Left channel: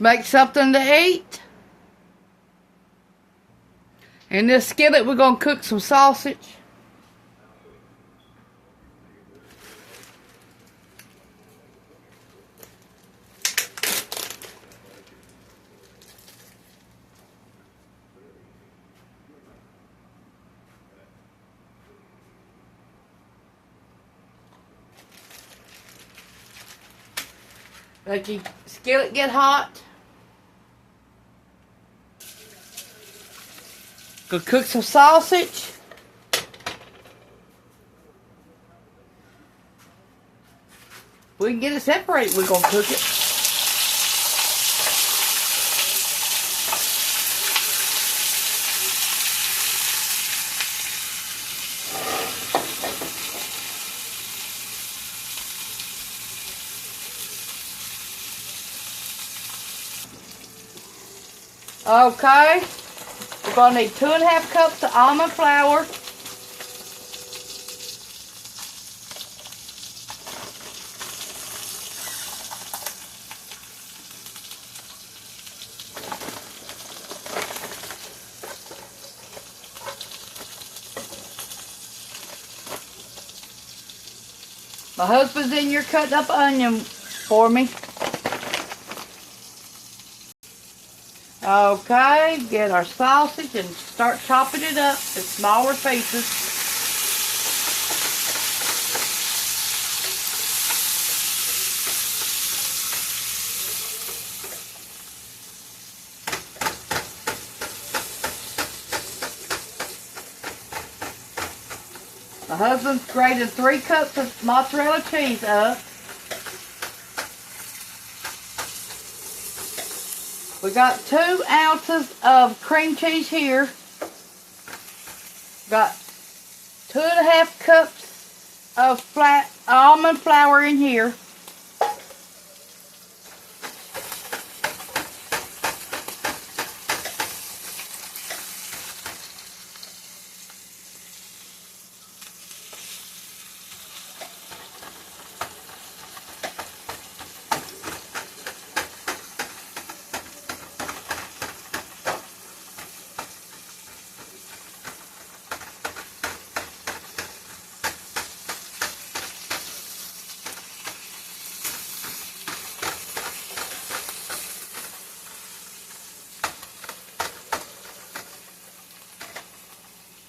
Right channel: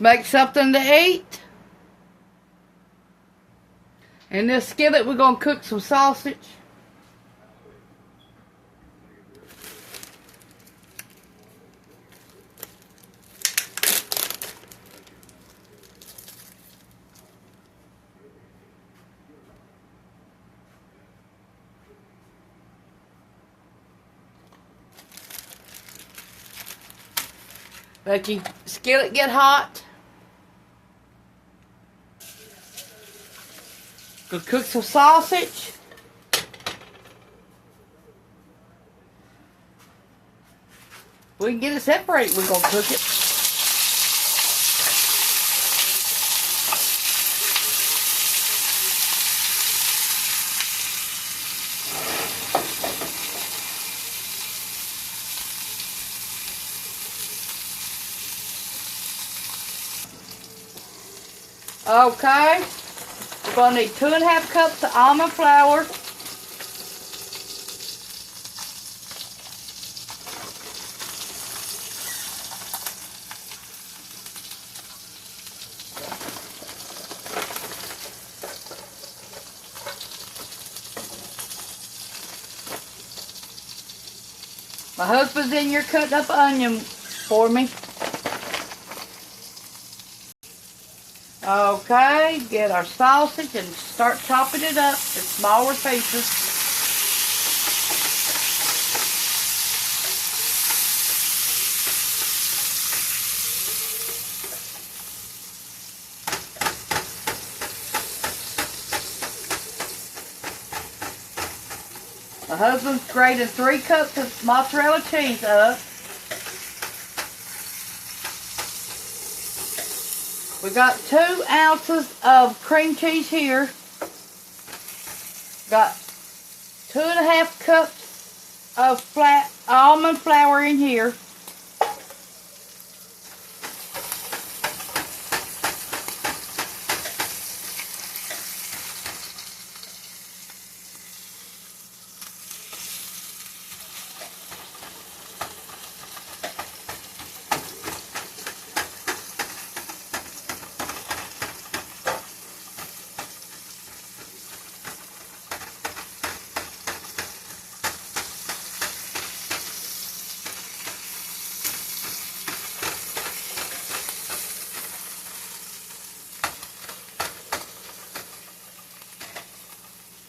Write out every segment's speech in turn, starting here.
Make something to eat. In this skillet, we're going to cook some sausage. Let your skillet get hot. Go cook some sausage. We can get it separated. We're gonna cook it. Okay, we're going to need 2½ cups of almond flour. My husband's in here cutting up onion for me. Okay, get our sausage and start chopping it up in smaller pieces. My husband's grated 3 cups of mozzarella cheese up. We got 2 ounces of cream cheese here. Got 2½ cups of flat almond flour in here.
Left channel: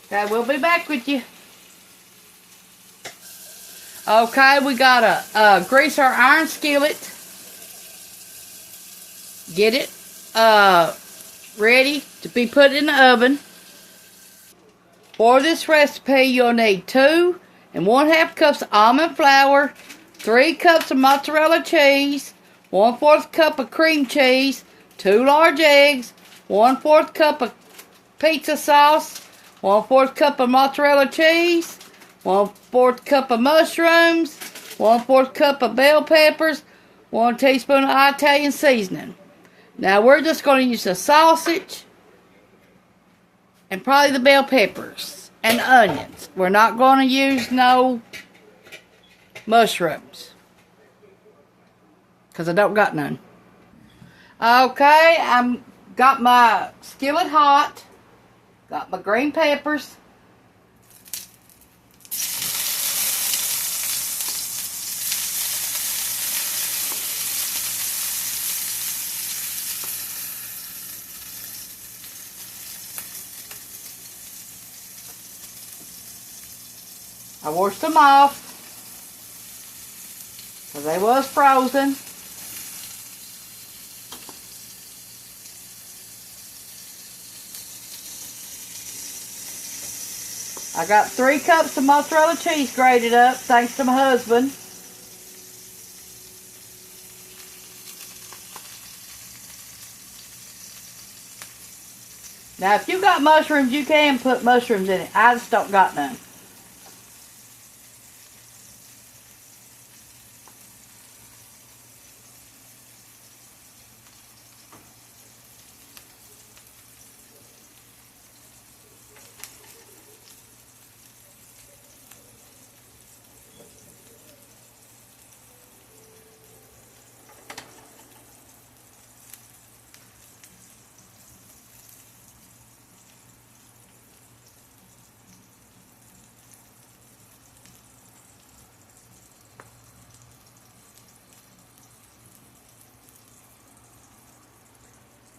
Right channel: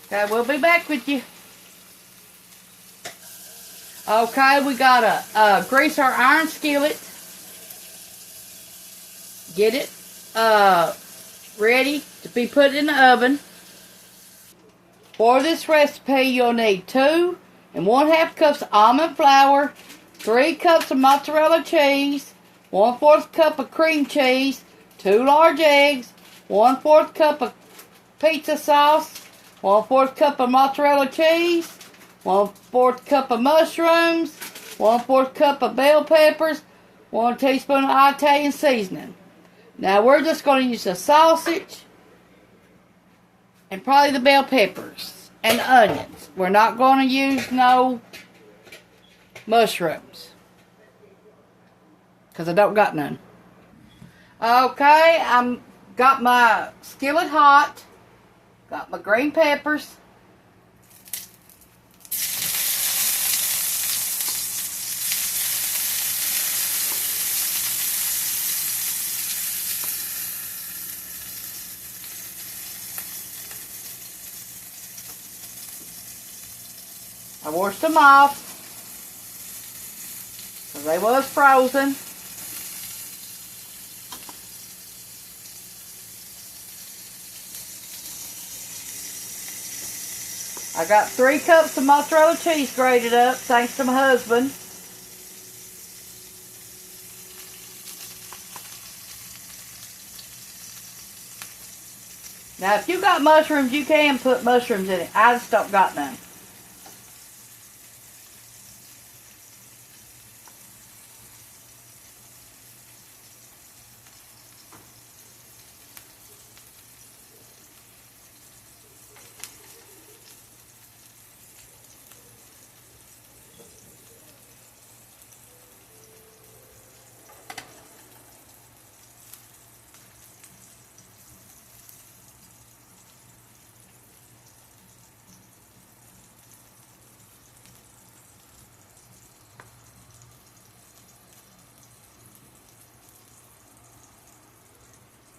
Okay, we'll be back with you. Okay, we gotta grease our iron skillet. Get it ready to be put in the oven. For this recipe, you'll need 2 1/2 cups of almond flour, 3 cups of mozzarella cheese, 1/4 cup of cream cheese, 2 large eggs, 1/4 cup of pizza sauce, 1/4 cup of mozzarella cheese, 1/4 cup of mushrooms, 1/4 cup of bell peppers, 1 teaspoon of Italian seasoning. Now we're just going to use the sausage and probably the bell peppers and onions. We're not going to use no mushrooms because I don't got none. Okay, I'm got my skillet hot. Got my green peppers. I washed them off because they was frozen. I got 3 cups of mozzarella cheese grated up, thanks to my husband. Now, if you got mushrooms, you can put mushrooms in it. I just don't got none.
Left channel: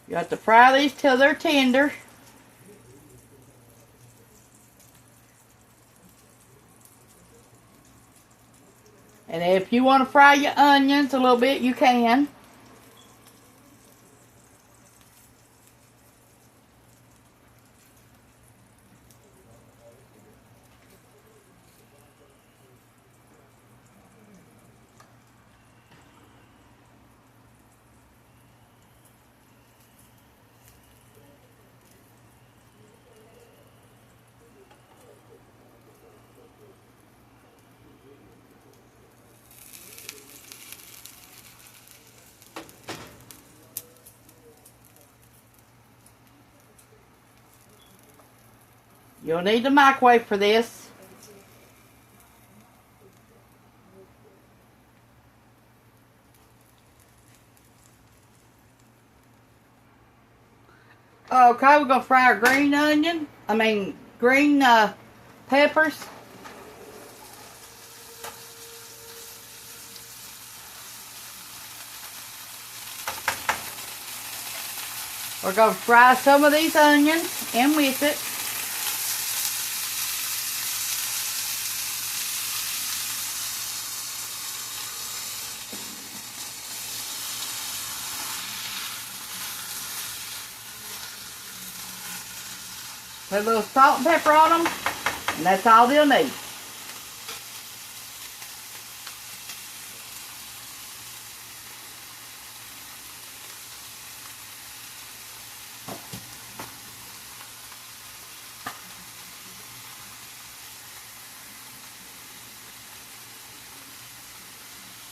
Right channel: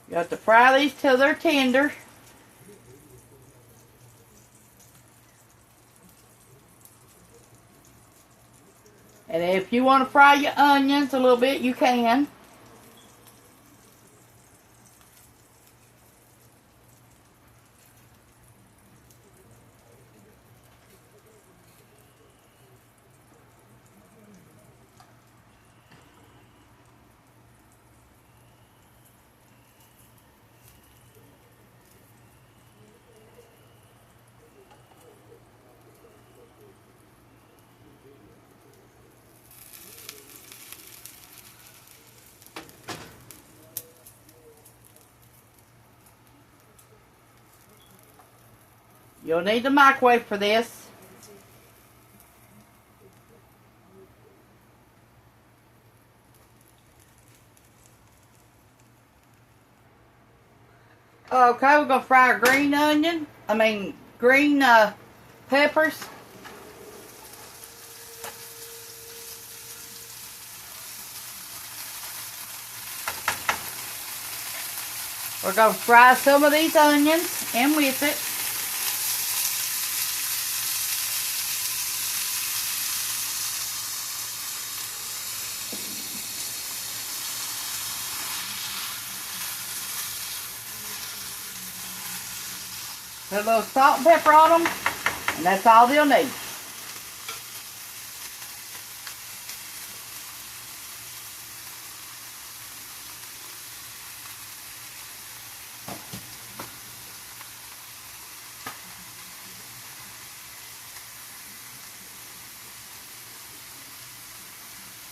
You have to fry these till they're tender. And if you want to fry your onions a little bit, you can. You'll need the microwave for this. Okay, we're going to fry our green peppers. We're going to fry some of these onions in with it. Put a little salt and pepper on them, and that's all they'll need.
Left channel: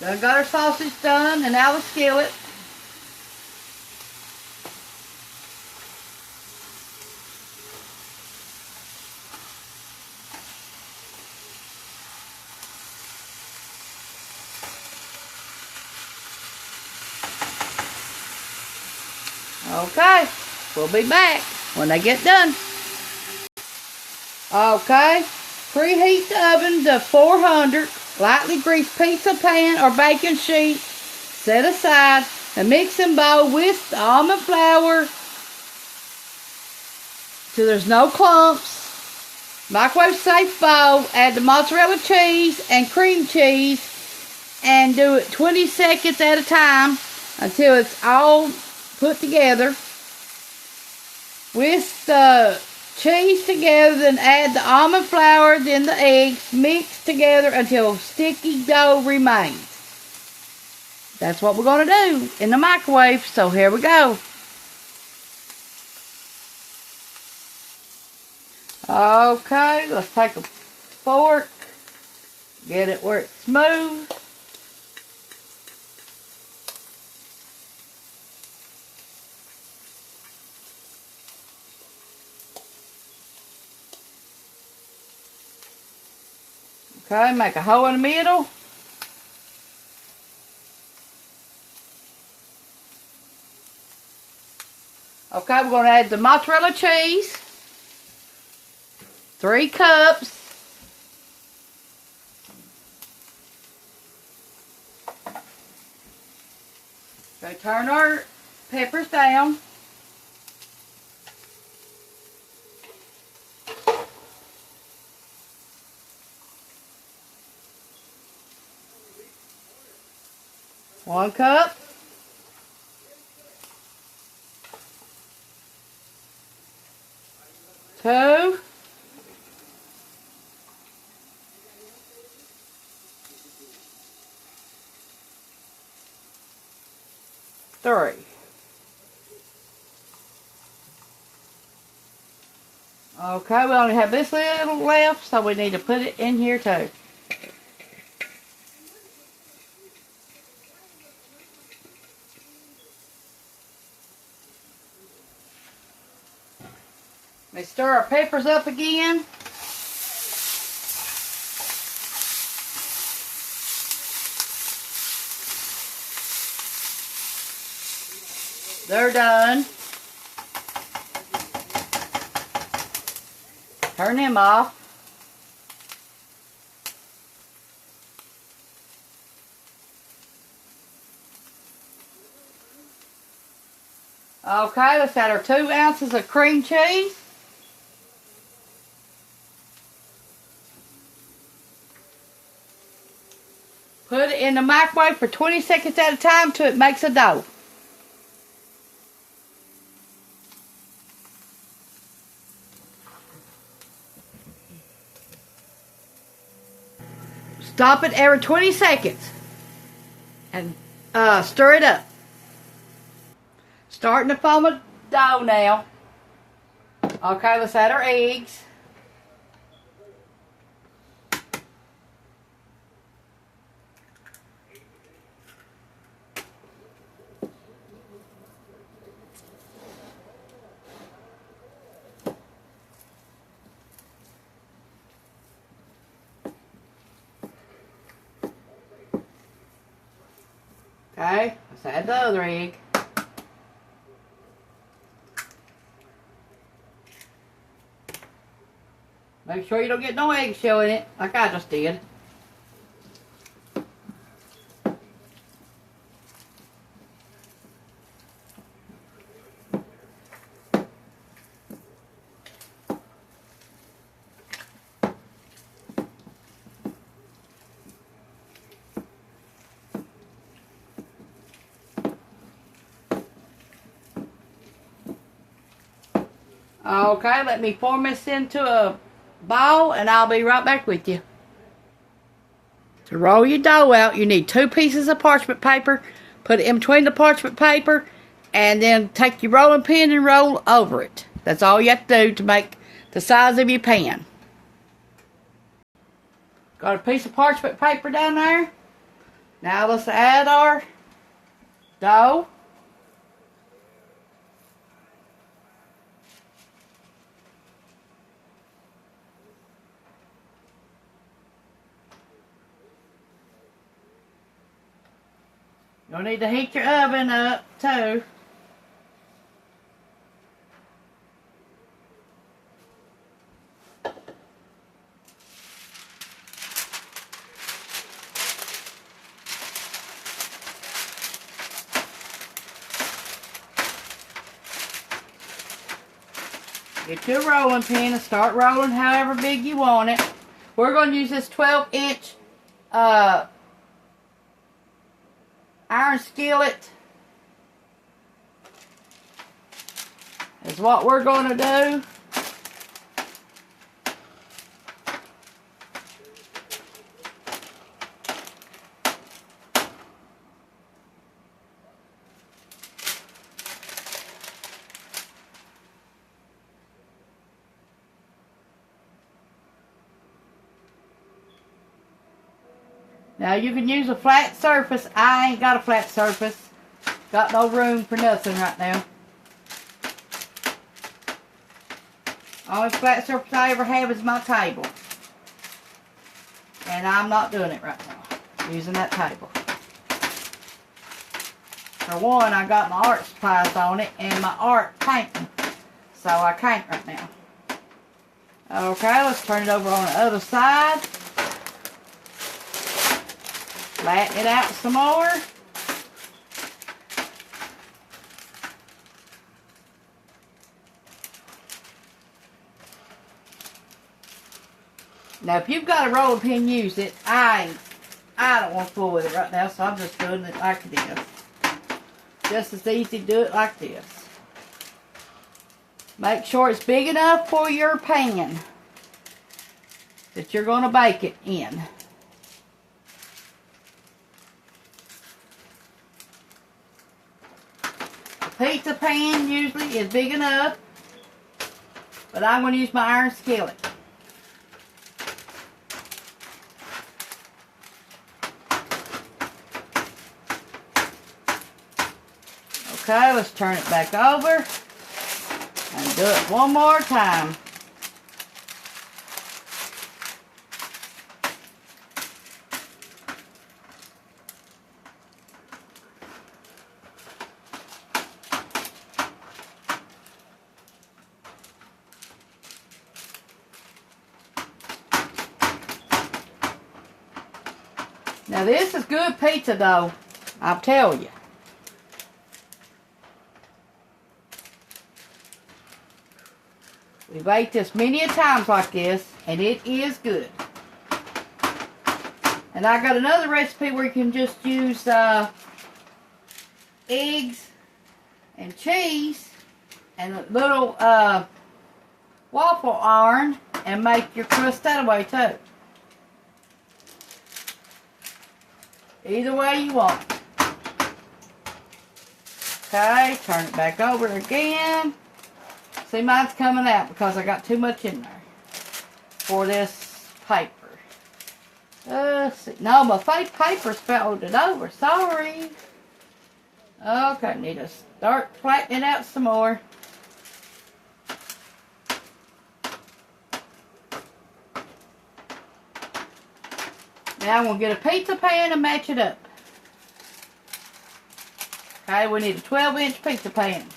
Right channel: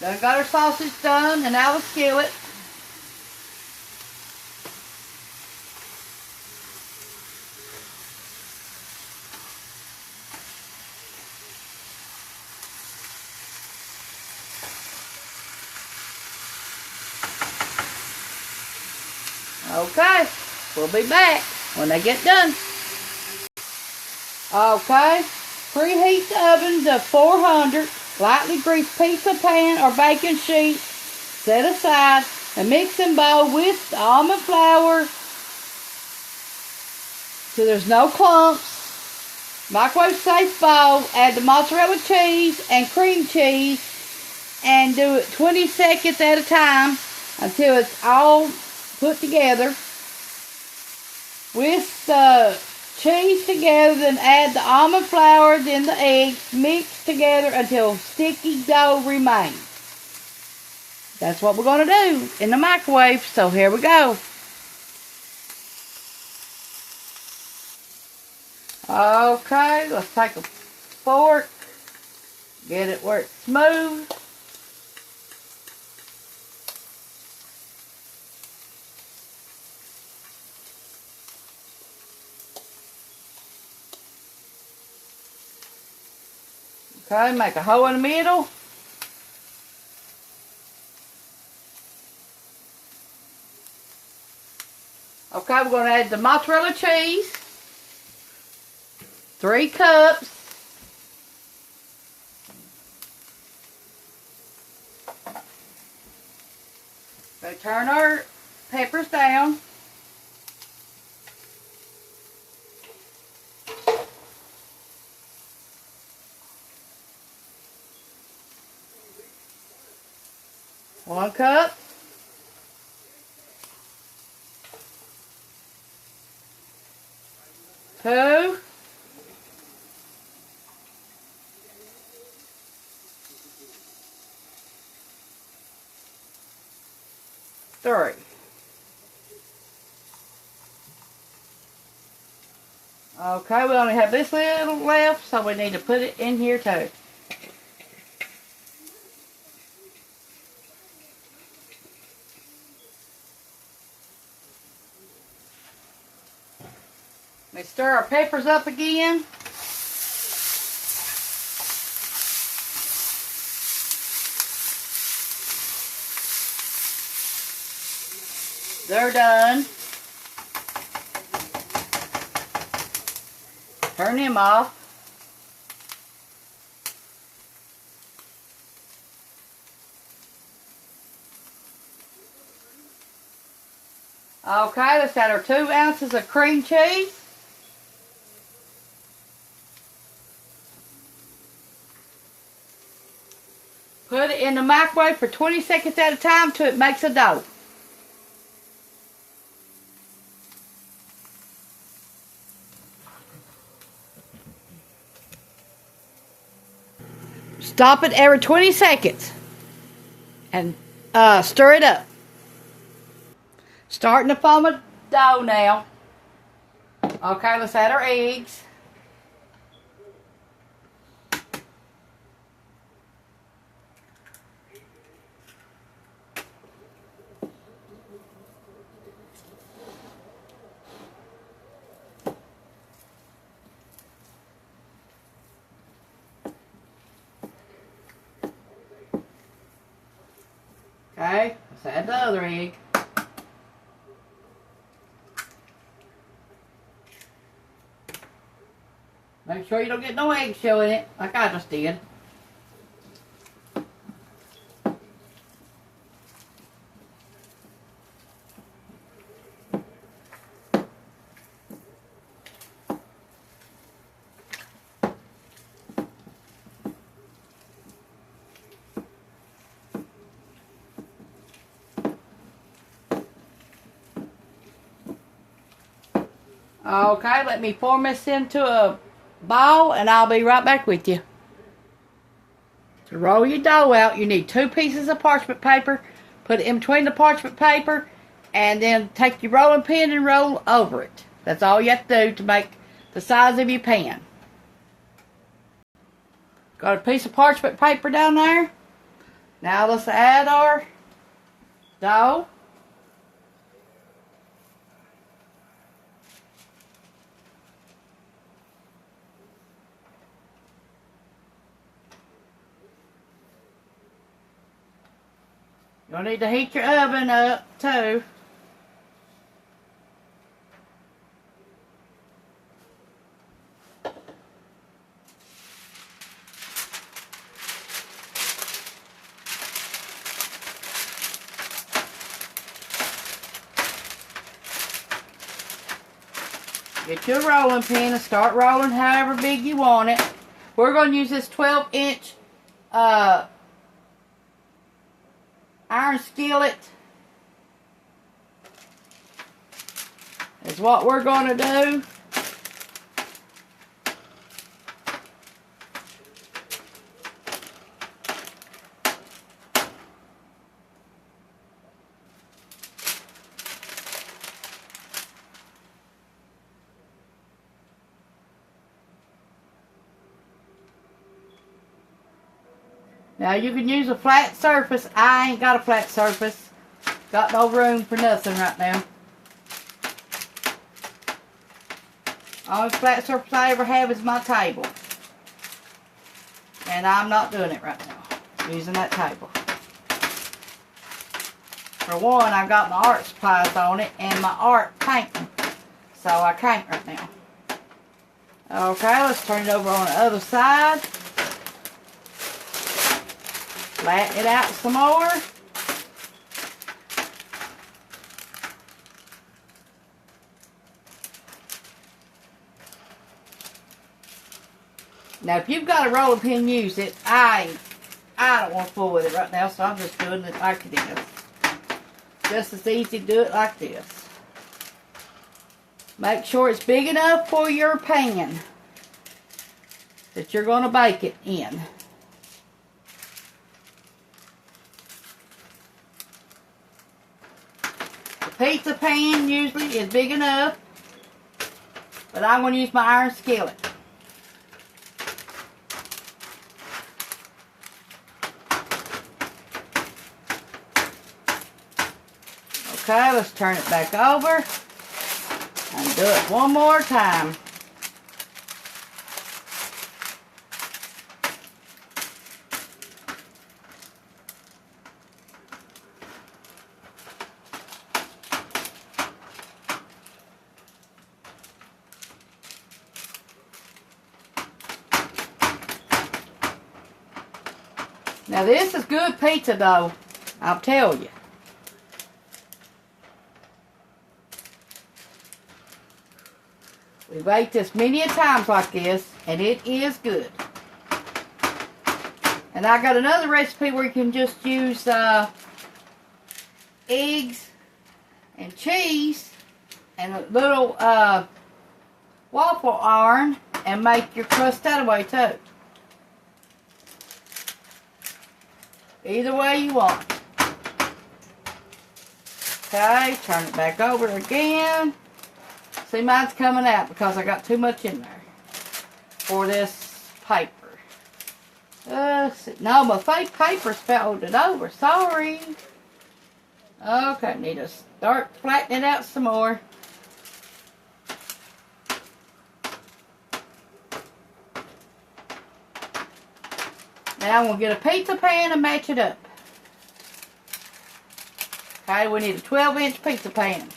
Done got our sausage done and out of the skillet. Okay, we'll be back when they get done. Okay, preheat the oven to 400. Lightly grease pizza pan or baking sheet. Set aside and mix and bowl with the almond flour so there's no clumps. Microwave safe bowl. Add the mozzarella cheese and cream cheese and do it 20 seconds at a time until it's all put together. Whisk the cheese together, then add the almond flour, then the eggs, mix together until sticky dough remains. That's what we're going to do in the microwave, so here we go. Okay, let's take a fork, get it where it's smooth. Okay, make a hole in the middle. Okay, we're going to add the mozzarella cheese. 3 cups. Okay, turn our peppers down. One cup. 2. 3. Okay, we only have this little left, so we need to put it in here too. Let me stir our peppers up again. They're done. Turn them off. Okay, let's add our 2 ounces of cream cheese. Put it in the microwave for 20 seconds at a time till it makes a dough. Stop it every 20 seconds and stir it up. Starting to form a dough now. Okay, let's add our eggs. Okay, let's add the other egg. Make sure you don't get no eggshell in it, like I just did. Okay, let me form this into a ball and I'll be right back with you. To roll your dough out, you need 2 pieces of parchment paper. Put it in between the parchment paper and then take your rolling pin and roll over it. That's all you have to do to make the size of your pan. Got a piece of parchment paper down there. Now let's add our dough. You'll need to heat your oven up too. Get your rolling pin and start rolling however big you want it. We're going to use this 12-inch iron skillet is what we're going to do. Now you can use a flat surface. I ain't got a flat surface. Got no room for nothing right now. Only flat surface I ever have is my table. And I'm not doing it right now. I'm using that table. For one, I got my art supplies on it and my art painting. So I can't right now. Okay, let's turn it over on the other side. Flatten it out some more. Now, if you've got a rolling pin, use it. I don't want to fool with it right now, so I'm just doing it like this. Just as easy to do it like this. Make sure it's big enough for your pan that you're going to bake it in. Pizza pan usually is big enough, but I'm going to use my iron skillet. Okay, let's turn it back over and do it one more time. Now this is good pizza dough, I'll tell you. We've ate this many a times like this, and it is good. And I got another recipe where you can just use eggs and cheese and a little waffle iron and make your crust that way too. Either way you want. Okay, turn it back over again. See, mine's coming out because I got too much in there for this paper. Let's see. No, my fake paper's folded over. Sorry. Okay, need to start flattening it out some more. Now I'm going to get a pizza pan and match it up. Okay, we need a 12-inch pizza pan.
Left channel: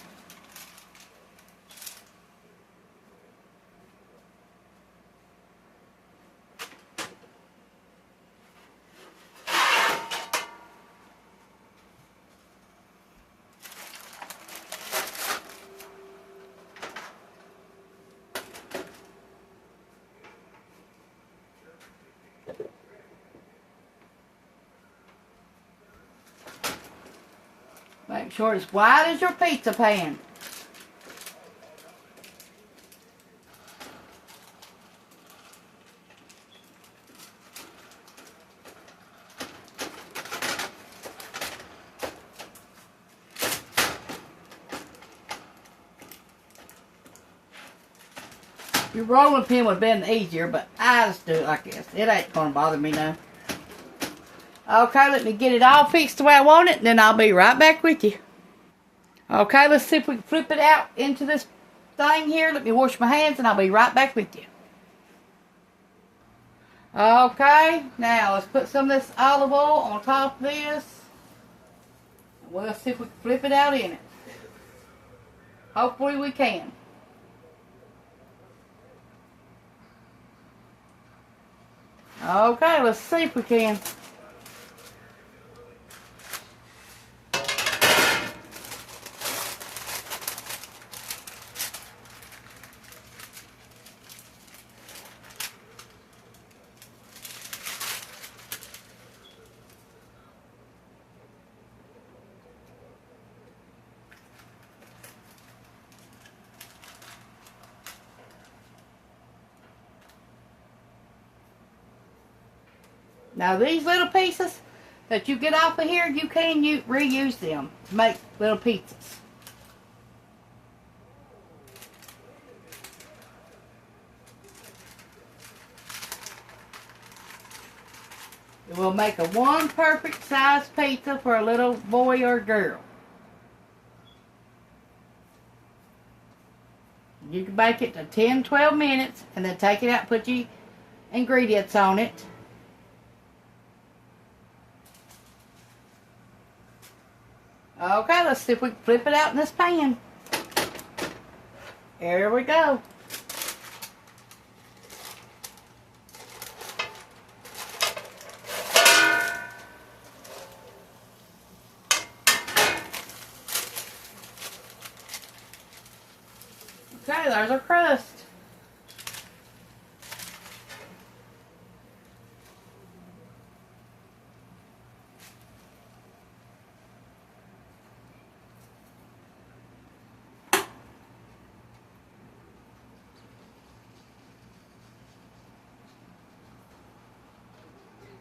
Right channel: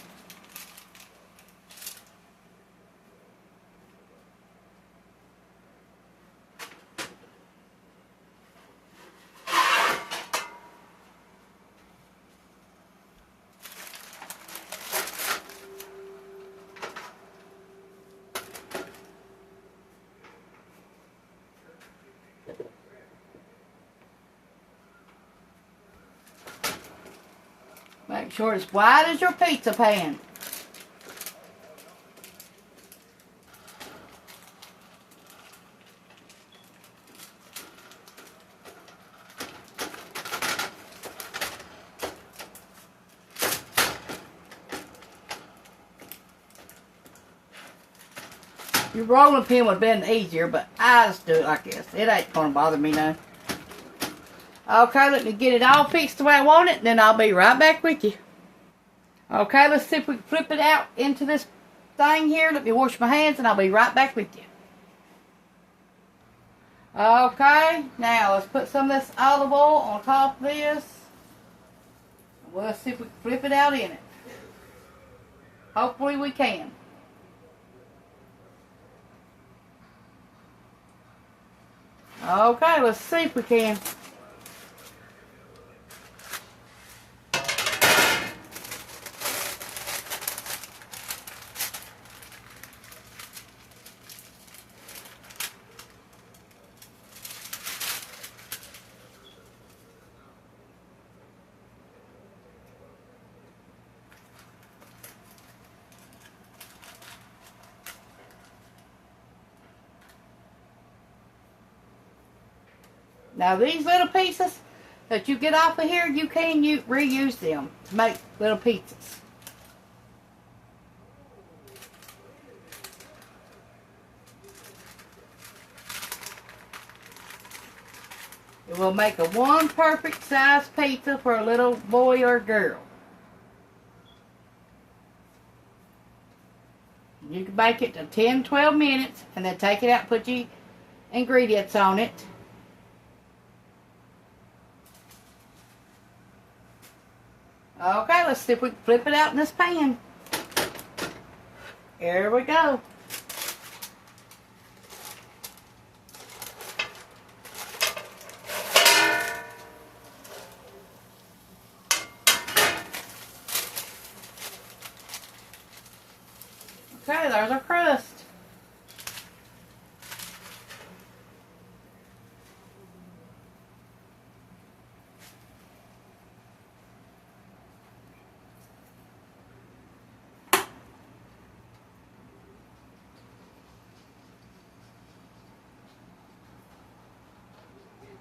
Make sure it's wide as your pizza pan. Your rolling pin would have been easier, but I just do it like this. It ain't going to bother me now. Okay, let me get it all fixed the way I want it, and then I'll be right back with you. Okay, let's see if we can flip it out into this thing here. Let me wash my hands, and I'll be right back with you. Okay, now let's put some of this olive oil on top of this. We'll see if we can flip it out in it. Hopefully we can. Okay, let's see if we can. Now these little pieces that you get off of here, you can reuse them to make little pizzas. It will make a one perfect size pizza for a little boy or girl. You can bake it to 10-12 minutes and then take it out and put your ingredients on it. Okay, let's see if we can flip it out in this pan. Here we go. Okay, there's our crust.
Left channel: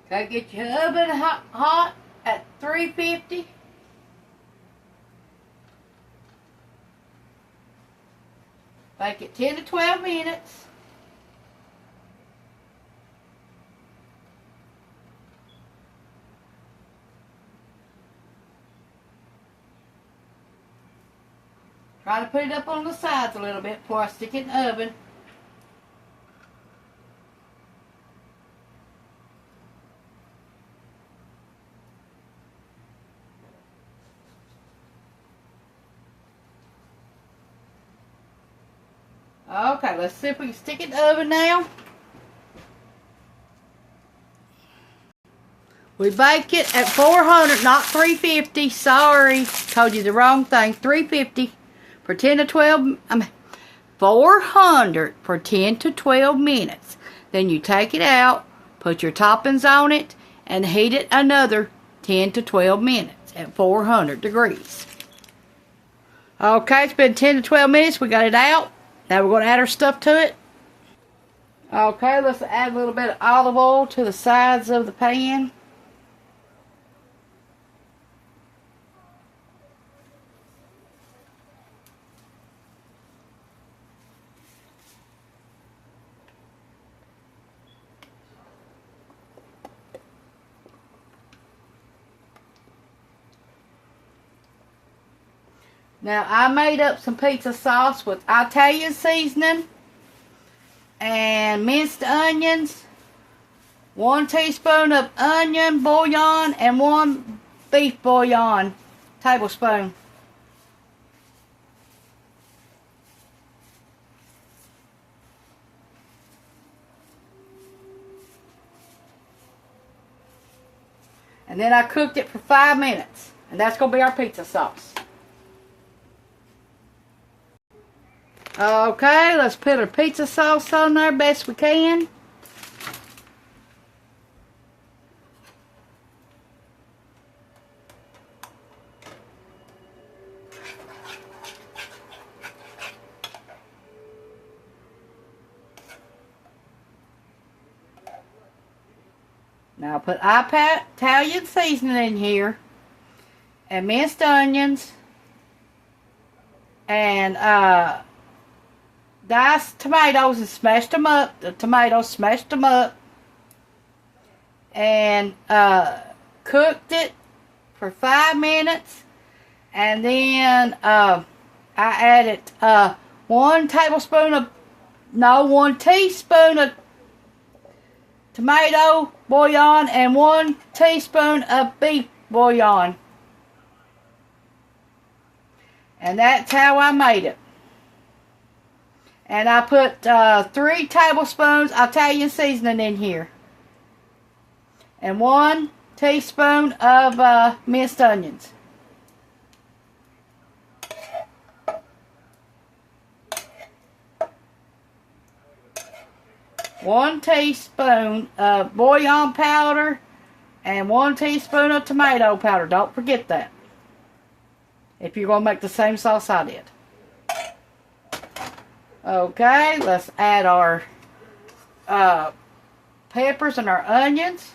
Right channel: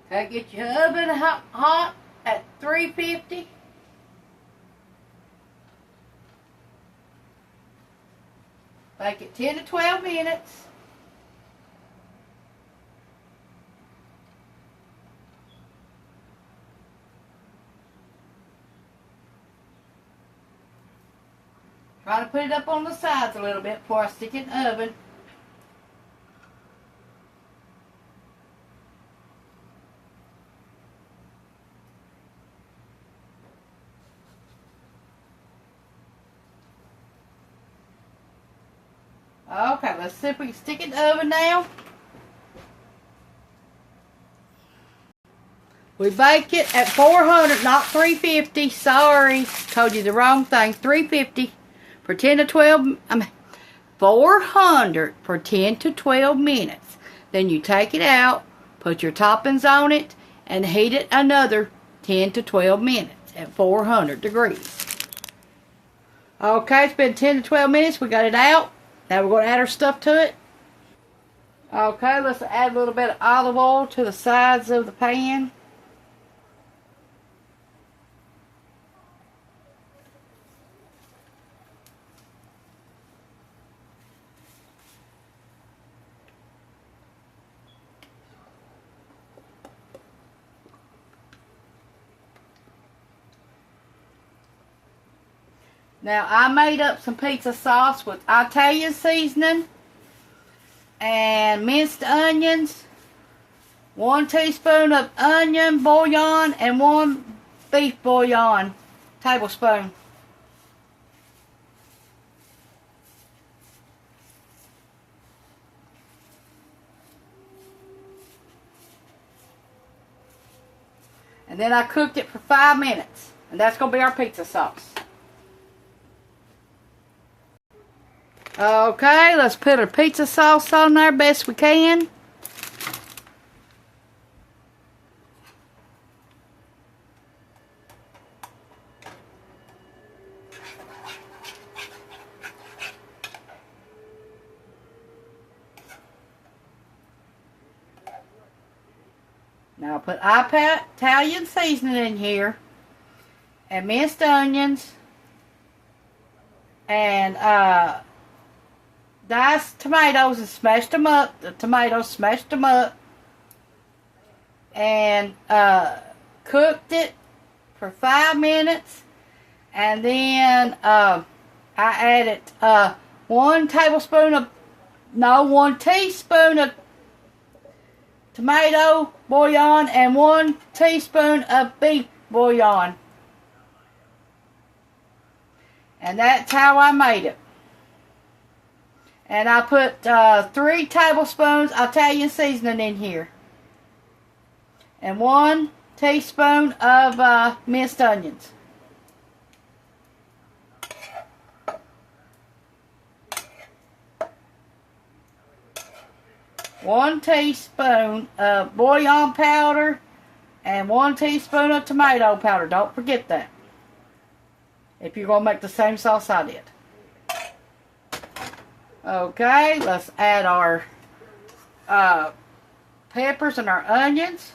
Okay, get your oven hot at 350. Bake it 10 to 12 minutes. Try to put it up on the sides a little bit before I stick it in the oven. Okay, let's see if we can stick it in the oven now. We bake it at 400, not 350. Sorry, told you the wrong thing. 350 for 10 to 12. 400 for 10 to 12 minutes. Then you take it out, put your toppings on it, and heat it another 10 to 12 minutes at 400 degrees. Okay, it's been 10 to 12 minutes. We got it out. Now we're going to add our stuff to it. Okay, let's add a little bit of olive oil to the sides of the pan. Now, I made up some pizza sauce with Italian seasoning and minced onions, 1 teaspoon of onion bouillon, and 1 beef bouillon tablespoon. And then I cooked it for 5 minutes. And that's going to be our pizza sauce. Okay, let's put our pizza sauce on there best we can. Now put Italian seasoning in here, and minced onions, and diced tomatoes and smashed them up. The tomatoes, smashed them up, and cooked it for 5 minutes, and then I added 1 teaspoon of tomato bouillon and 1 teaspoon of beef bouillon. And that's how I made it. And I put 3 tablespoons Italian seasoning in here. And 1 teaspoon of minced onions. One teaspoon of bouillon powder and 1 teaspoon of tomato powder. Don't forget that, if you're going to make the same sauce I did. Okay, let's add our peppers and our onions.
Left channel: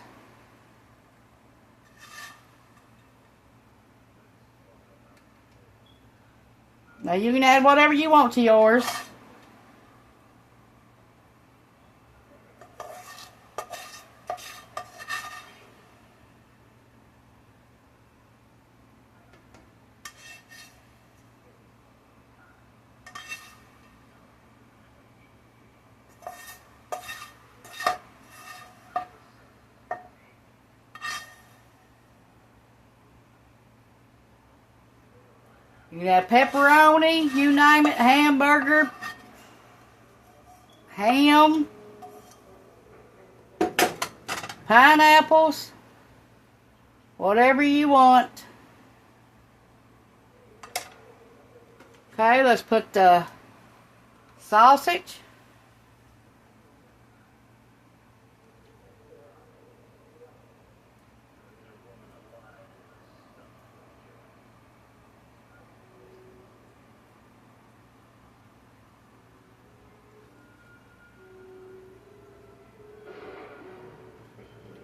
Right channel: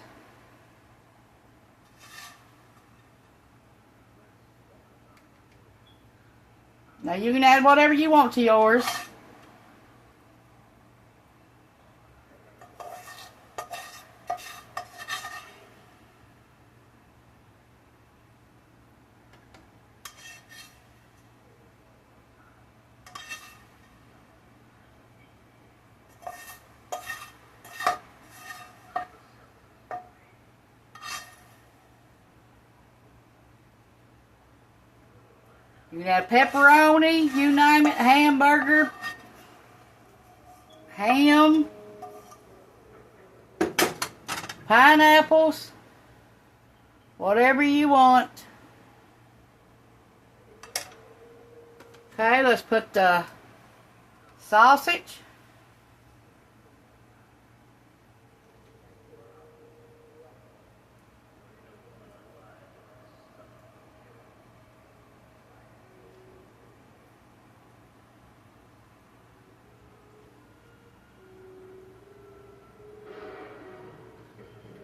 Now you can add whatever you want to yours. You can add pepperoni, you name it, hamburger, ham, pineapples, whatever you want. Okay, let's put the sausage.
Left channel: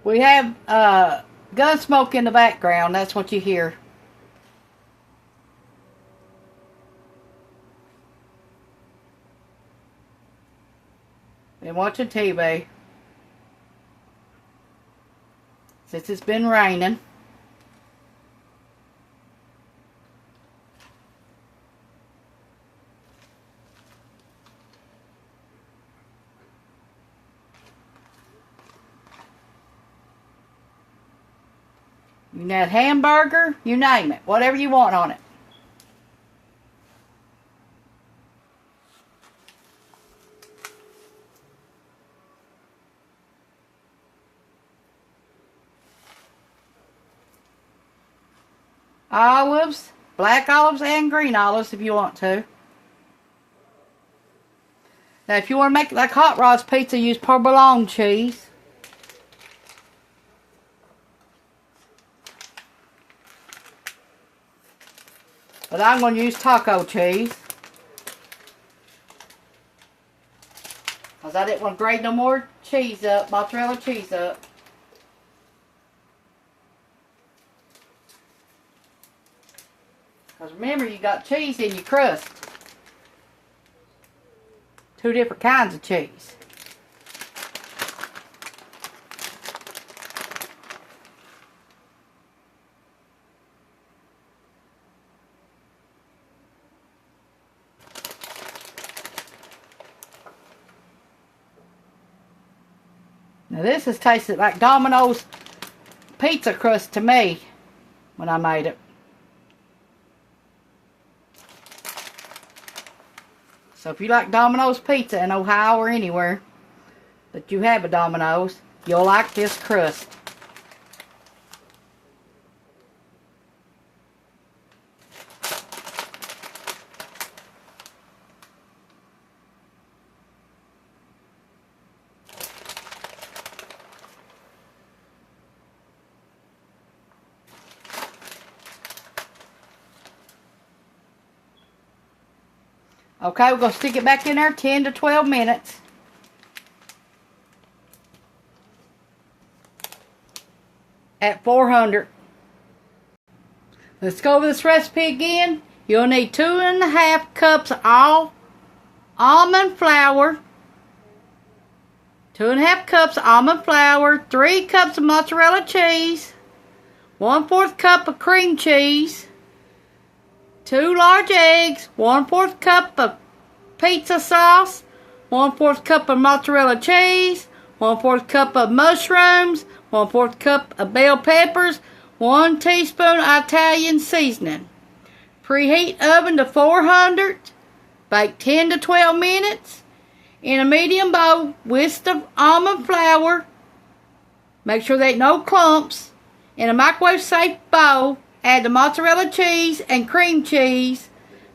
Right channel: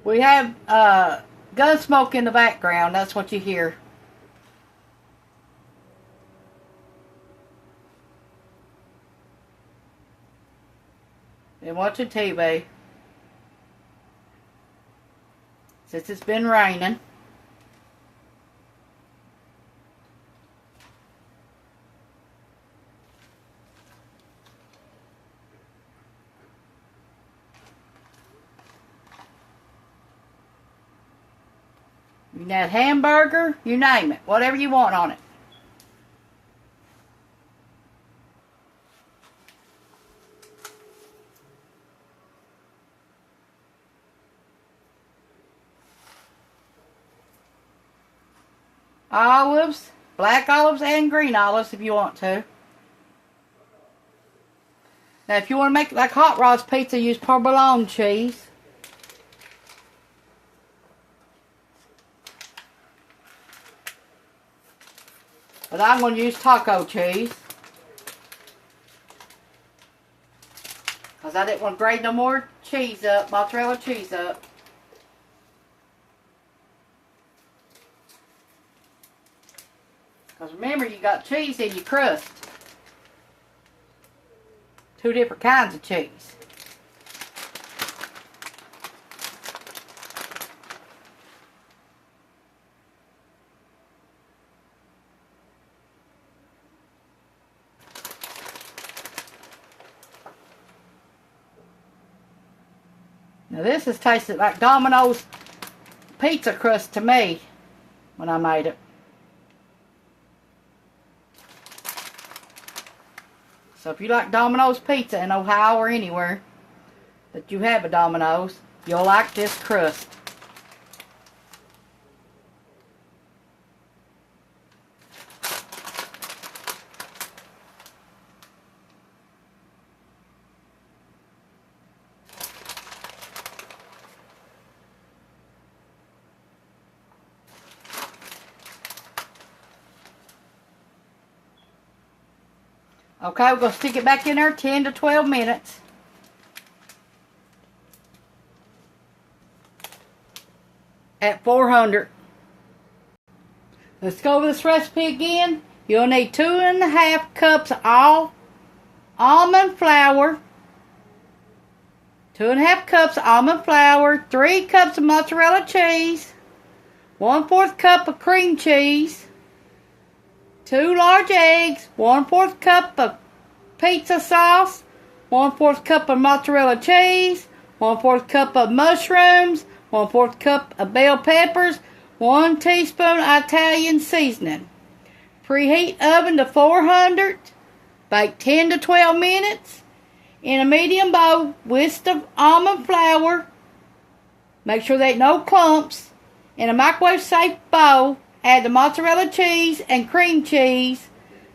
We have gun smoke in the background. That's what you hear. Been watching TV since it's been raining. You can add hamburger, you name it, whatever you want on it. Olives, black olives and green olives if you want to. Now, if you want to make it like Hot Rod's Pizza, use provolone cheese. But I'm going to use taco cheese. Because I didn't want to grate no more cheese up, mozzarella cheese up. Because remember, you got cheese in your crust. Two different kinds of cheese. Now this has tasted like Domino's pizza crust to me when I made it. So if you like Domino's pizza in Ohio or anywhere that you have a Domino's, you'll like this crust. Okay, we're going to stick it back in there 10 to 12 minutes. At 400. Let's go over this recipe again. You'll need 2.5 cups of all almond flour. 2.5 cups of almond flour. 3 cups of mozzarella cheese. 1/4 cup of cream cheese. 2 large eggs, 1/4 cup of pizza sauce, 1/4 cup of mozzarella cheese, 1/4 cup of mushrooms, 1/4 cup of bell peppers, 1 teaspoon Italian seasoning. Preheat oven to 400. Bake 10 to 12 minutes in a medium bowl with the almond flour. Make sure there ain't no clumps. In a microwave safe bowl, add the mozzarella cheese and cream cheese.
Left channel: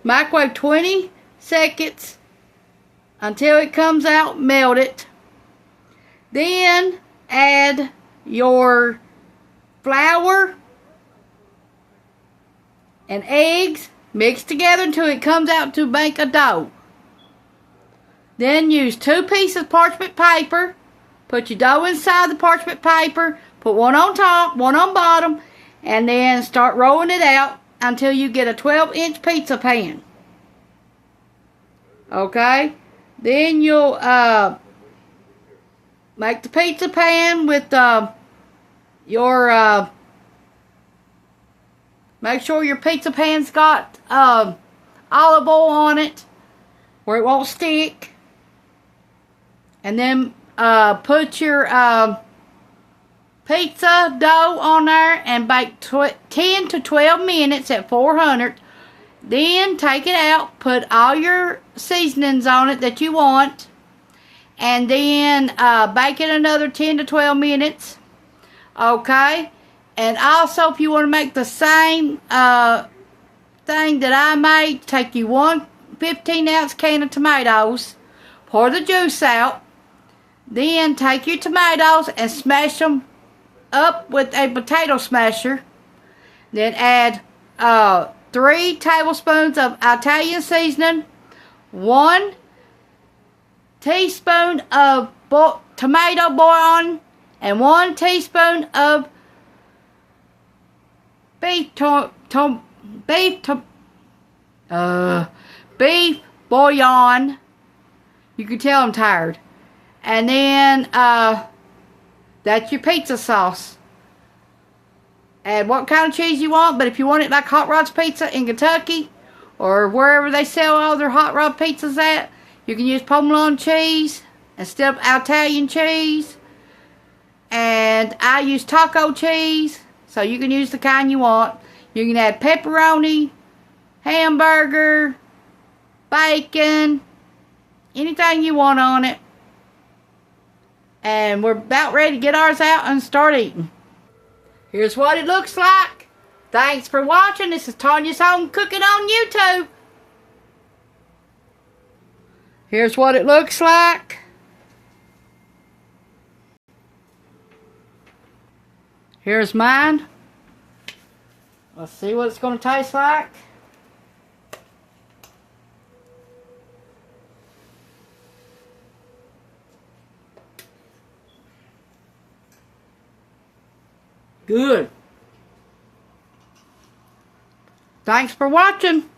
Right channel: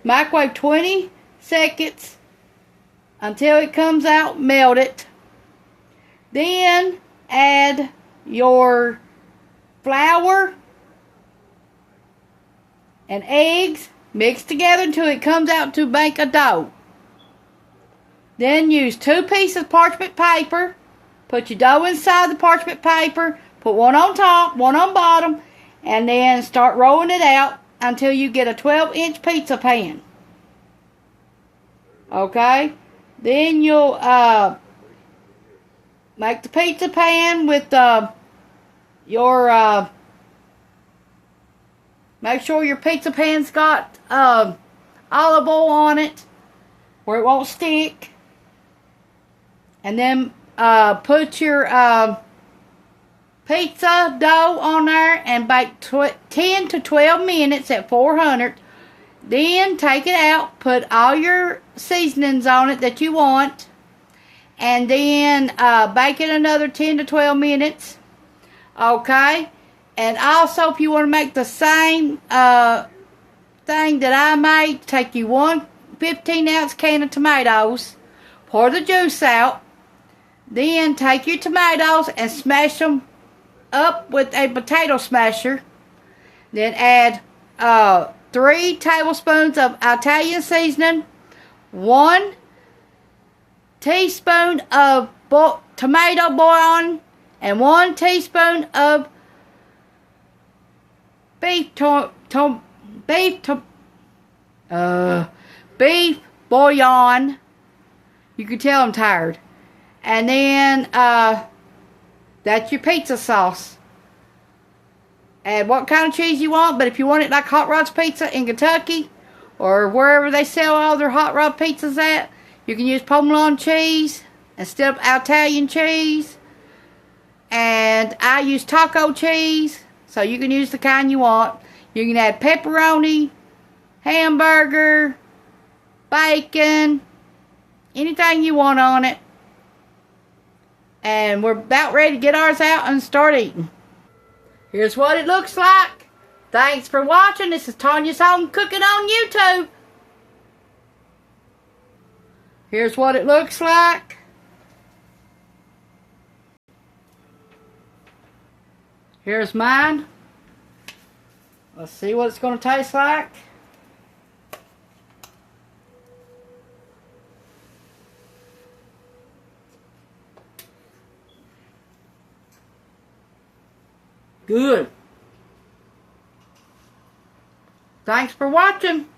Microwave 20 seconds until it comes out melted. Then add your flour and eggs. Mix together until it comes out to make a dough. Then use 2 pieces of parchment paper. Put your dough inside the parchment paper. Put one on top, one on bottom. And then start rolling it out until you get a 12-inch pizza pan. Okay? Then you'll make the pizza pan with your... make sure your pizza pan's got olive oil on it where it won't stick. And then put your... pizza dough on there and bake 10 to 12 minutes at 400. Then take it out, put all your seasonings on it that you want, and then bake it another 10 to 12 minutes. Okay? And also, if you want to make the same thing that I made, take you 1 15-ounce can of tomatoes, pour the juice out, then take your tomatoes and smash them up with a potato smasher. Then add 3 tablespoons of Italian seasoning, 1 teaspoon of tomato bouillon, and 1 teaspoon of beef bouillon. You can tell I'm tired. And then that's your pizza sauce. Add what kind of cheese you want, but if you want it like Hot Rod's Pizza in Kentucky or wherever they sell all their Hot Rod pizzas at, you can use provolone cheese instead of Italian cheese. And I use taco cheese, so you can use the kind you want. You can add pepperoni, hamburger, bacon, anything you want on it. And we're about ready to get ours out and start eating. Here's what it looks like. Thanks for watching. This is Tanya's Home Cooking on YouTube. Here's what it looks like. Here's mine. Let's see what it's going to taste like. Good. Thanks for watching.